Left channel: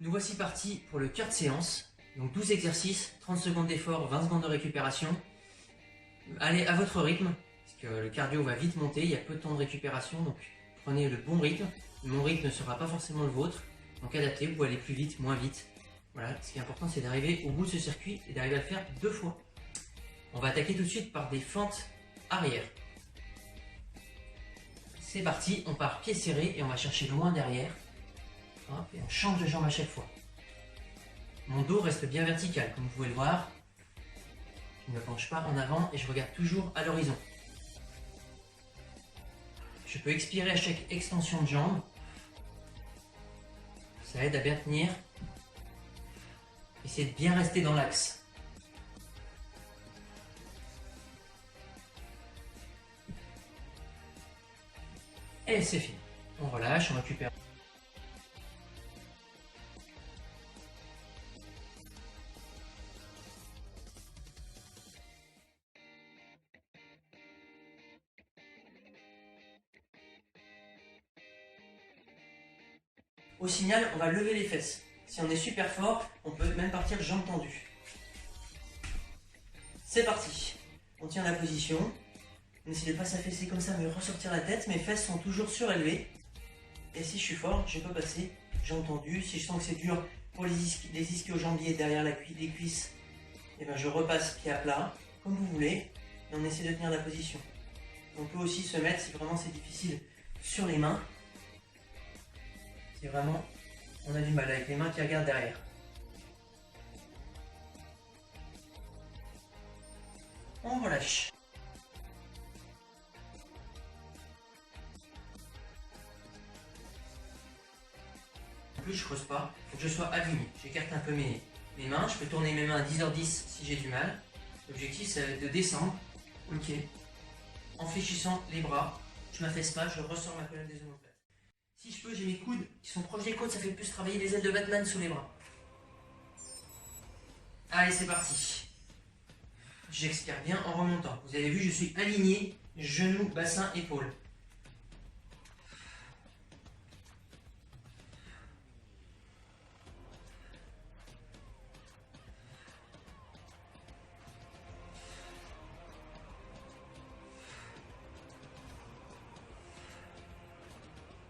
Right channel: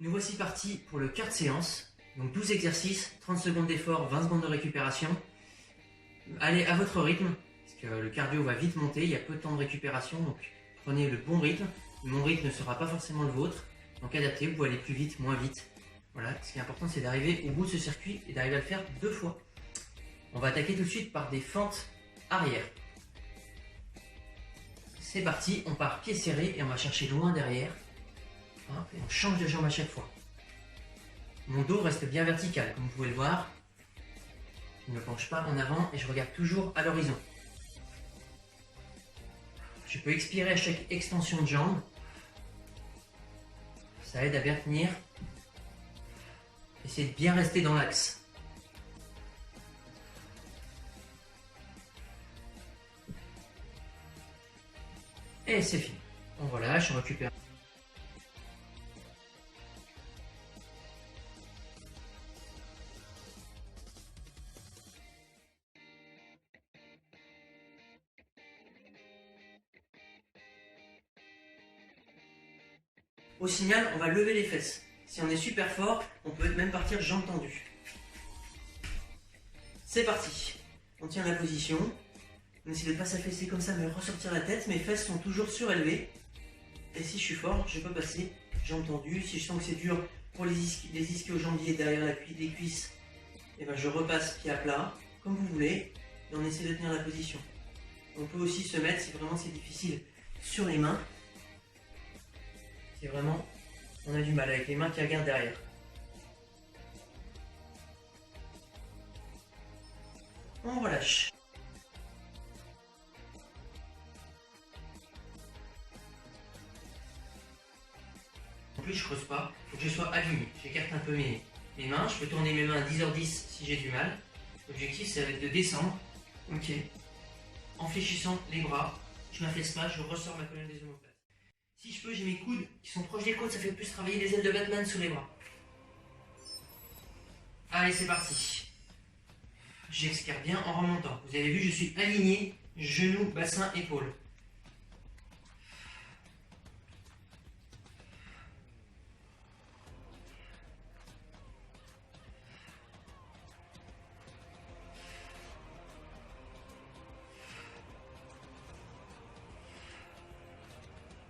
Nous voici partis pour le cœur de séance. Donc 12 exercices, 30 secondes d'effort, 20 secondes de récupération. Allez à votre rythme, parce que le cardio va vite monter, il y a peu de temps de récupération, donc prenez le bon rythme. Mon rythme ne sera pas forcément le vôtre, donc adaptez, vous pouvez aller plus vite, moins vite. Voilà, ce qui est important, c'est d'arriver au bout de ce circuit et d'arriver à le faire 2 fois. On va attaquer tout de suite par des fentes arrière. C'est parti, on part pied serré et on va chercher loin derrière. Et on change de jambe à chaque fois. Mon dos reste bien vertical, comme vous pouvez le voir. Je ne me penche pas en avant et je regarde toujours à l'horizon. Je peux expirer à chaque extension de jambe. Ça aide à bien tenir. Essayez de bien rester dans l'axe. Et c'est fini. On relâche, on récupère. Au signal, on va lever les fesses. Si on est super fort, on peut même partir jambes tendues. C'est parti. On tient la position. On essaie de ne pas s'affaisser comme ça, mais ressortir la tête. Mes fesses sont toujours surélevées. Et si je suis fort, je peux passer jambes tendues. Si je sens que c'est dur pour les ischio-jambiers derrière les cuisses, et ben je repasse pied à plat, comme vous voulez. Et on essaie de tenir la position. On peut aussi se mettre, si vraiment c'est difficile, sur les mains. Si vraiment on a du mal avec les mains qui regardent derrière. On relâche. En plus je creuse pas, il faut que je sois aligné. J'écarte un peu mes mains, je peux tourner mes mains à 10h10 si j'ai du mal. L'objectif ça va être de descendre, ok, en fléchissant les bras, je m'affaisse pas, je ressors ma colonne des omoplates. Si je peux, j'ai mes coudes qui sont proches des côtes, ça fait plus travailler les ailes de Batman sous les bras. Allez, c'est parti. J'expire bien en remontant. Vous avez vu, je suis aligné, genoux, bassin, épaules.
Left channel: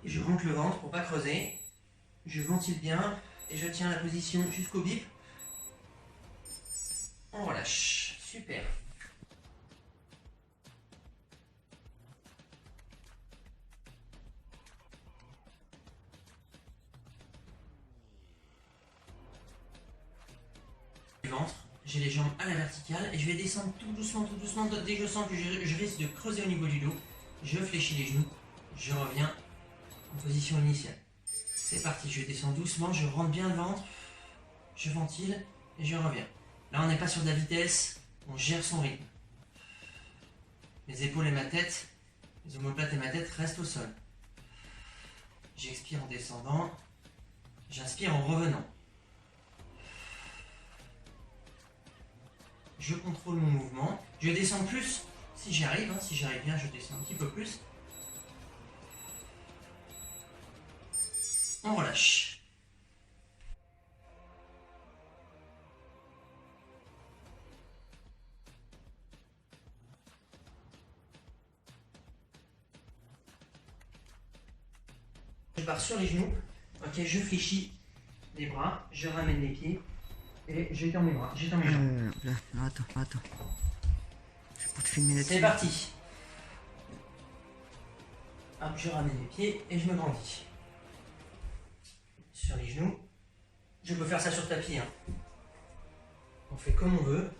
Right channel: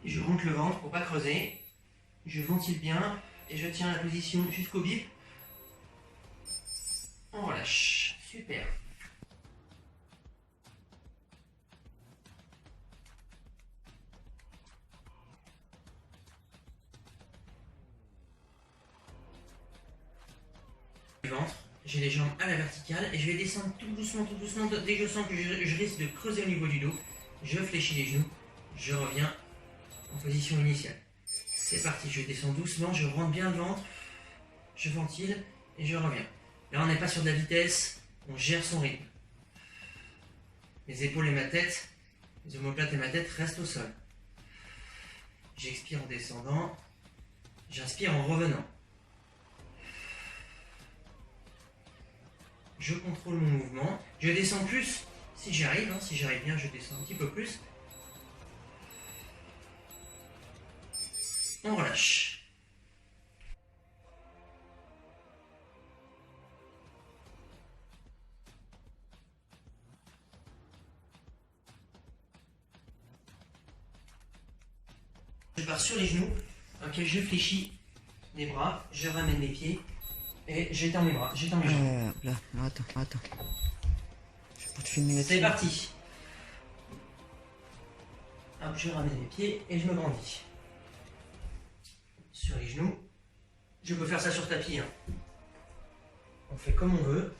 Et je rentre le ventre pour pas creuser. Je ventile bien et je tiens la position jusqu'au bip. On relâche. Super. Le ventre, j'ai les jambes à la verticale et je vais descendre tout doucement. Dès que je sens que je risque de creuser au niveau du dos, je fléchis les genoux, je reviens en position initiale. C'est parti, je descends doucement, je rentre bien le ventre, je ventile et je reviens. Là, on n'est pas sur de la vitesse, on gère son rythme. Mes épaules et ma tête, les omoplates et ma tête restent au sol. J'expire en descendant, j'inspire en revenant. Je contrôle mon mouvement, je descends plus si j'y arrive, si j'arrive bien, je descends un petit peu plus. On relâche. Je pars sur les genoux, ok, je fléchis les bras, je ramène les pieds et j'étends mes bras, j'étends mes jambes. Là, attends. Je peux te filmer là-dessus. C'est parti. Hop, je ramène les pieds et je me grandis. Sur les genoux. Je peux faire ça sur tapis. On fait comme on veut.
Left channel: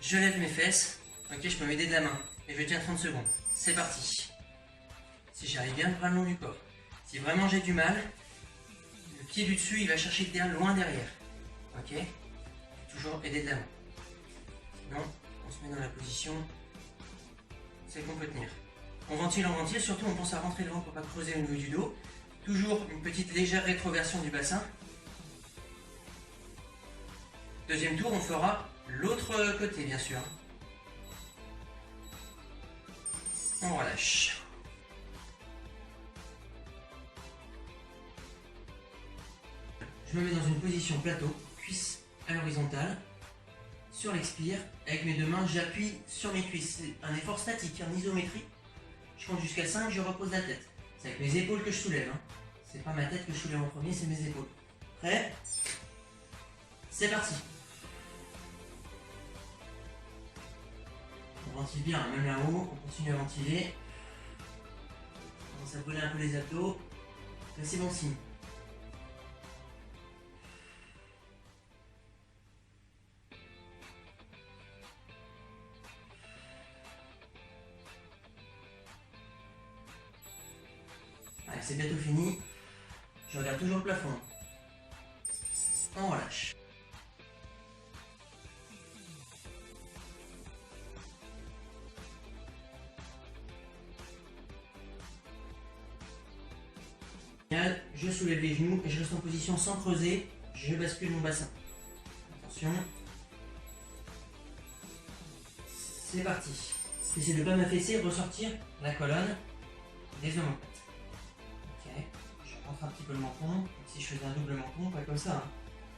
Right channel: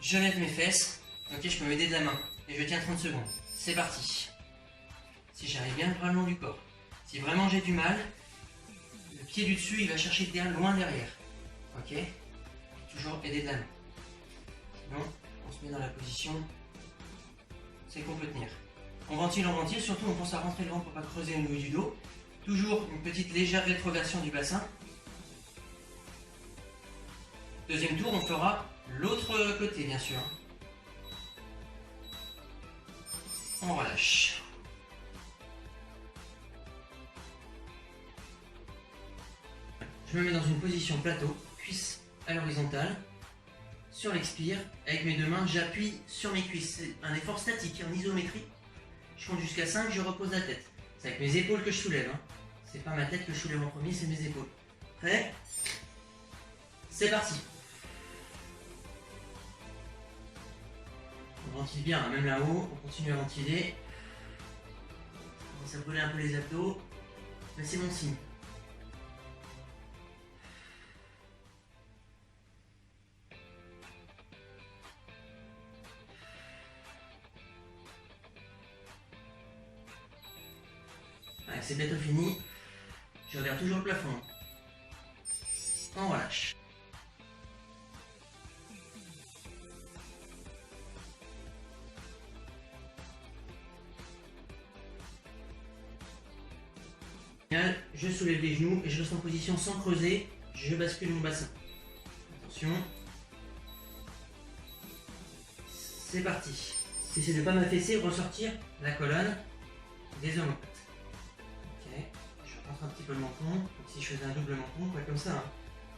Je lève mes fesses, ok, je peux m'aider de la main, et je tiens 30 secondes. C'est parti. Si j'arrive bien, le bras le long du corps. Si vraiment j'ai du mal, pied du dessus, il va chercher loin derrière. Ok? Toujours aider de la main. Sinon, on se met dans la position, c'est qu'on peut tenir. On ventile, surtout on pense à rentrer le ventre pour ne pas creuser au niveau du dos. Toujours une petite légère rétroversion du bassin. Deuxième tour, on fera l'autre côté, bien sûr. On relâche. Je me mets dans une position plateau, cuisse à l'horizontale. Sur l'expire, avec mes deux mains, j'appuie sur mes cuisses. C'est un effort statique, en isométrie. Je compte jusqu'à 5, je repose la tête. C'est avec mes épaules que je soulève. Hein. C'est pas ma tête que je soulève en premier, c'est mes épaules. Prêt? C'est parti. On ventile bien, hein, même là-haut, on continue à ventiler. On commence à brûler un peu les abdos, mais c'est bon signe. Allez, c'est bientôt fini. Je regarde toujours le plafond. On relâche. Je soulève les genoux et je reste en position sans creuser. Je bascule mon bassin. Attention. C'est parti. J'essaie de ne pas m'affaisser, ressortir la colonne des omoplates. Ok. Je rentre un petit peu le menton. Donc si je faisais un double menton, pas comme ça. Hein.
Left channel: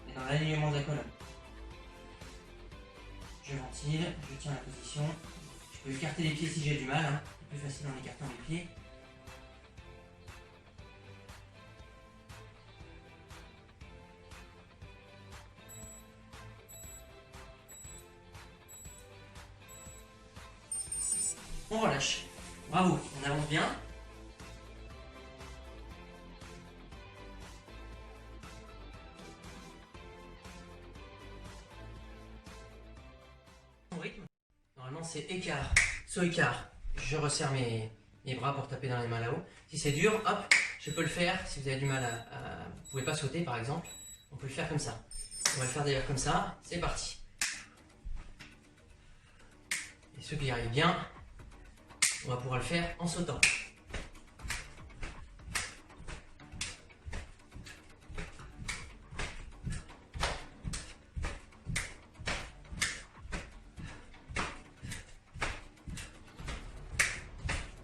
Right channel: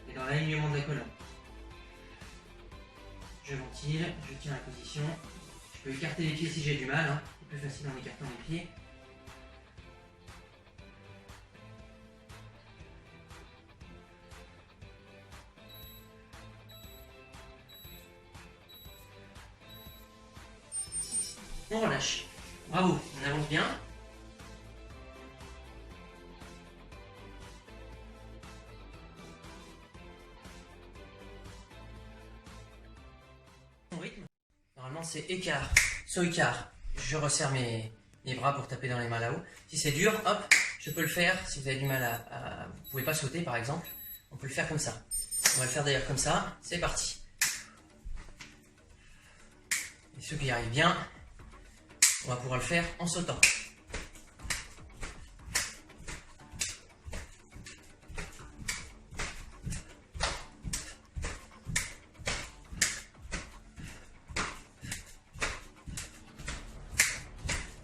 Mais dans l'alignement de la colonne. Je ventile, je tiens la position. Je peux écarter les pieds si j'ai du mal. Hein. C'est plus facile en écartant les pieds. On relâche. Bravo, on avance bien. Son rythme, normalement c'est écart, saut écart. Je resserre mes bras pour taper dans les mains là-haut. Si c'est dur, hop, je peux le faire. Si vous avez du mal vous pouvez pas sauter par exemple, on peut le faire comme ça. On va le faire d'ailleurs comme ça. C'est parti. Et ceux qui y arrivent bien, on va pouvoir le faire en sautant.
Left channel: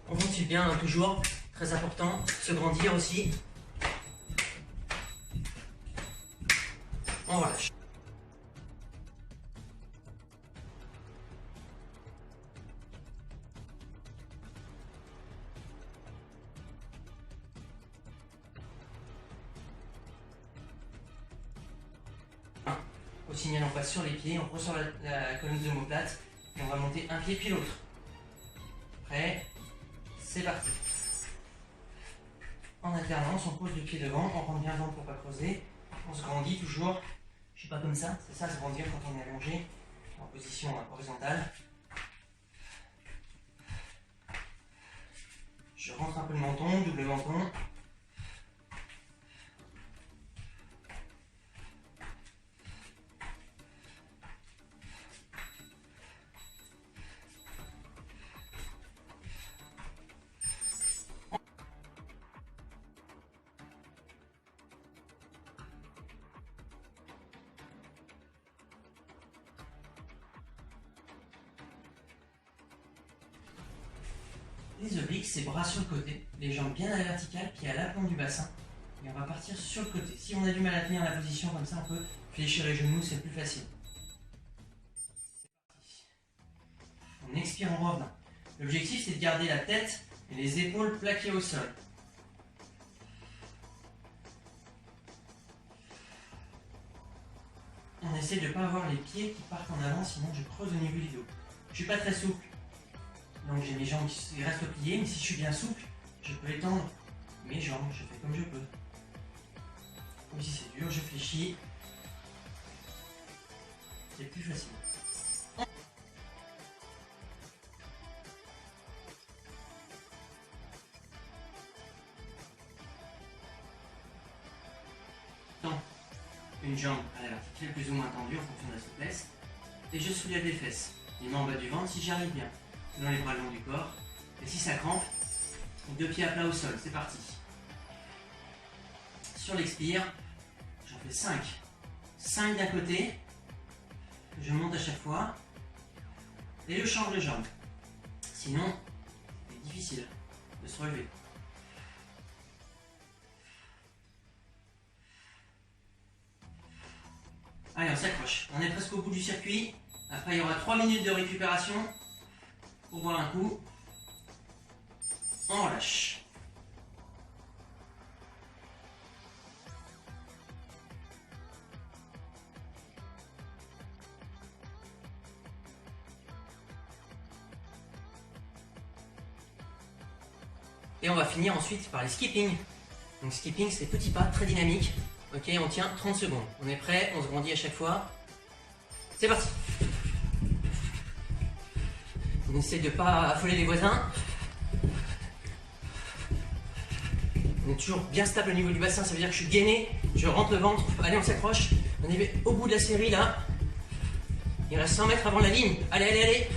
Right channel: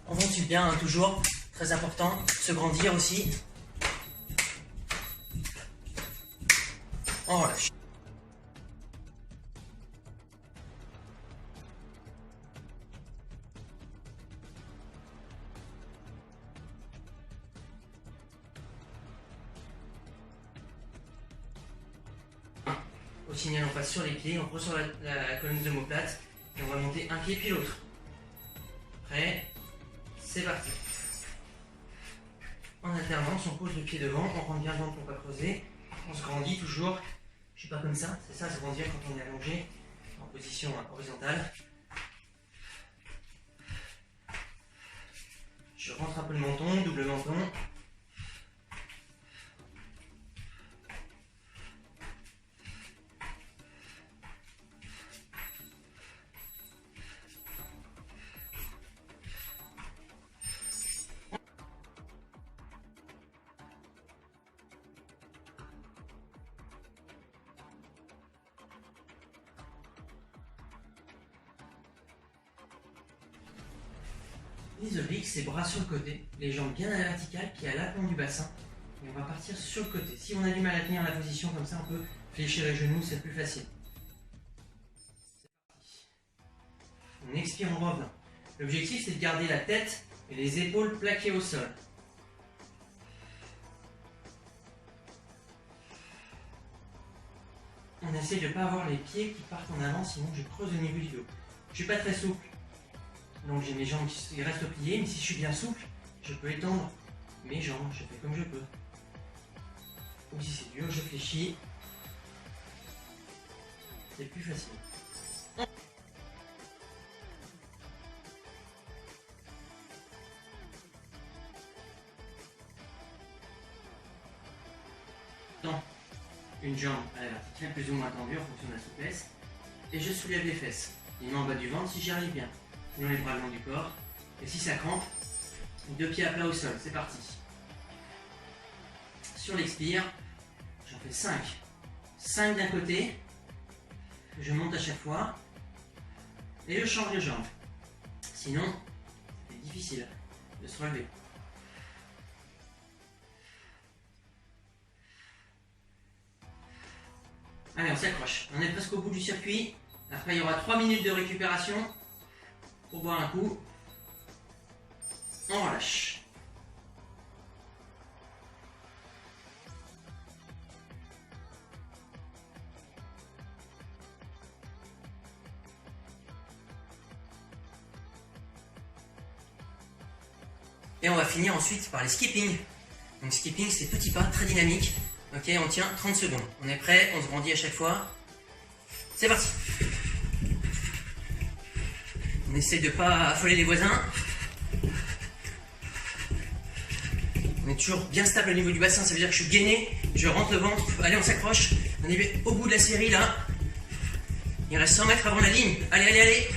On ventile bien, hein, toujours. Très important. Se grandir aussi. On relâche. Au signal, on passe sur les pieds, on ressort la colonne de omoplate et on va monter un pied puis l'autre. Prêt? C'est parti. En alternance, on pose le pied devant, on rentre bien le ventre pour pas creuser. On se grandit toujours. Je suis pas comme ça, c'est ça se grandir quand on est allongé en position horizontale. Je rentre un peu le menton, double menton. Les obliques, c'est bras sur le côté, les jambes bien à la verticale, pieds à l'aplomb du bassin. Et on va partir sur le côté. Si on a du mal à tenir la position comme ça, on peut fléchir les genoux, c'est plus facile. On expire en revenant. L'objectif, c'est de garder la tête et les épaules plaquées au sol. On essaie de ne pas avoir les pieds qui partent en avant, sinon je creuse au niveau du dos. Je ne suis pas très souple. Donc j'ai mes jambes qui restent pliées, mais si je suis bien souple, je peux étendre mes jambes, je fais comme je peux. Ou si c'est dur, je fléchis. C'est plus facile. une jambe à la verticale plus ou moins tendue en fonction de la souplesse. Et je soulève les fesses. Les mains en bas du ventre si j'y arrive bien. Selon les bras le long du corps. Et si ça crampe, 2 pieds à plat au sol. C'est parti. Sur l'expire, j'en fais 5. 5 d'un côté. Je monte à chaque fois. Et je change de jambe. Sinon, c'est difficile de se relever. Allez, on s'accroche. On est presque au bout du circuit. Après, il y aura 3 minutes de récupération pour boire un coup. On relâche. Et on va finir ensuite par les skipping. Donc skipping, c'est petits pas très dynamiques. Ok, on tient 30 secondes. On est prêt, on se grandit à chaque fois. C'est parti. On essaie de ne pas affoler les voisins. On est toujours bien stable au niveau du bassin, ça veut dire que je suis gainé. Je rentre le ventre. Allez, on s'accroche. On est au bout de la série là. Il reste 100 mètres avant la ligne. Allez, allez, allez.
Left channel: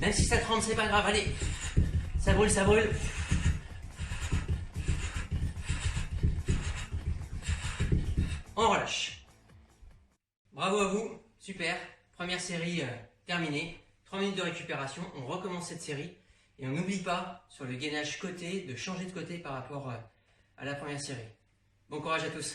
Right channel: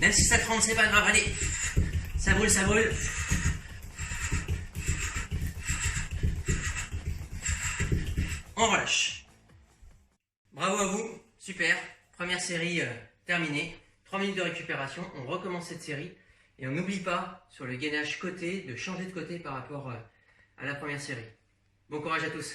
Même si ça tremble, c'est pas grave. Allez. Ça brûle, ça brûle. On relâche. Bravo à vous. Super. Première série terminée. 3 minutes de récupération. On recommence cette série. Et on n'oublie pas, sur le gainage côté, de changer de côté par rapport à la première série. Bon courage à tous.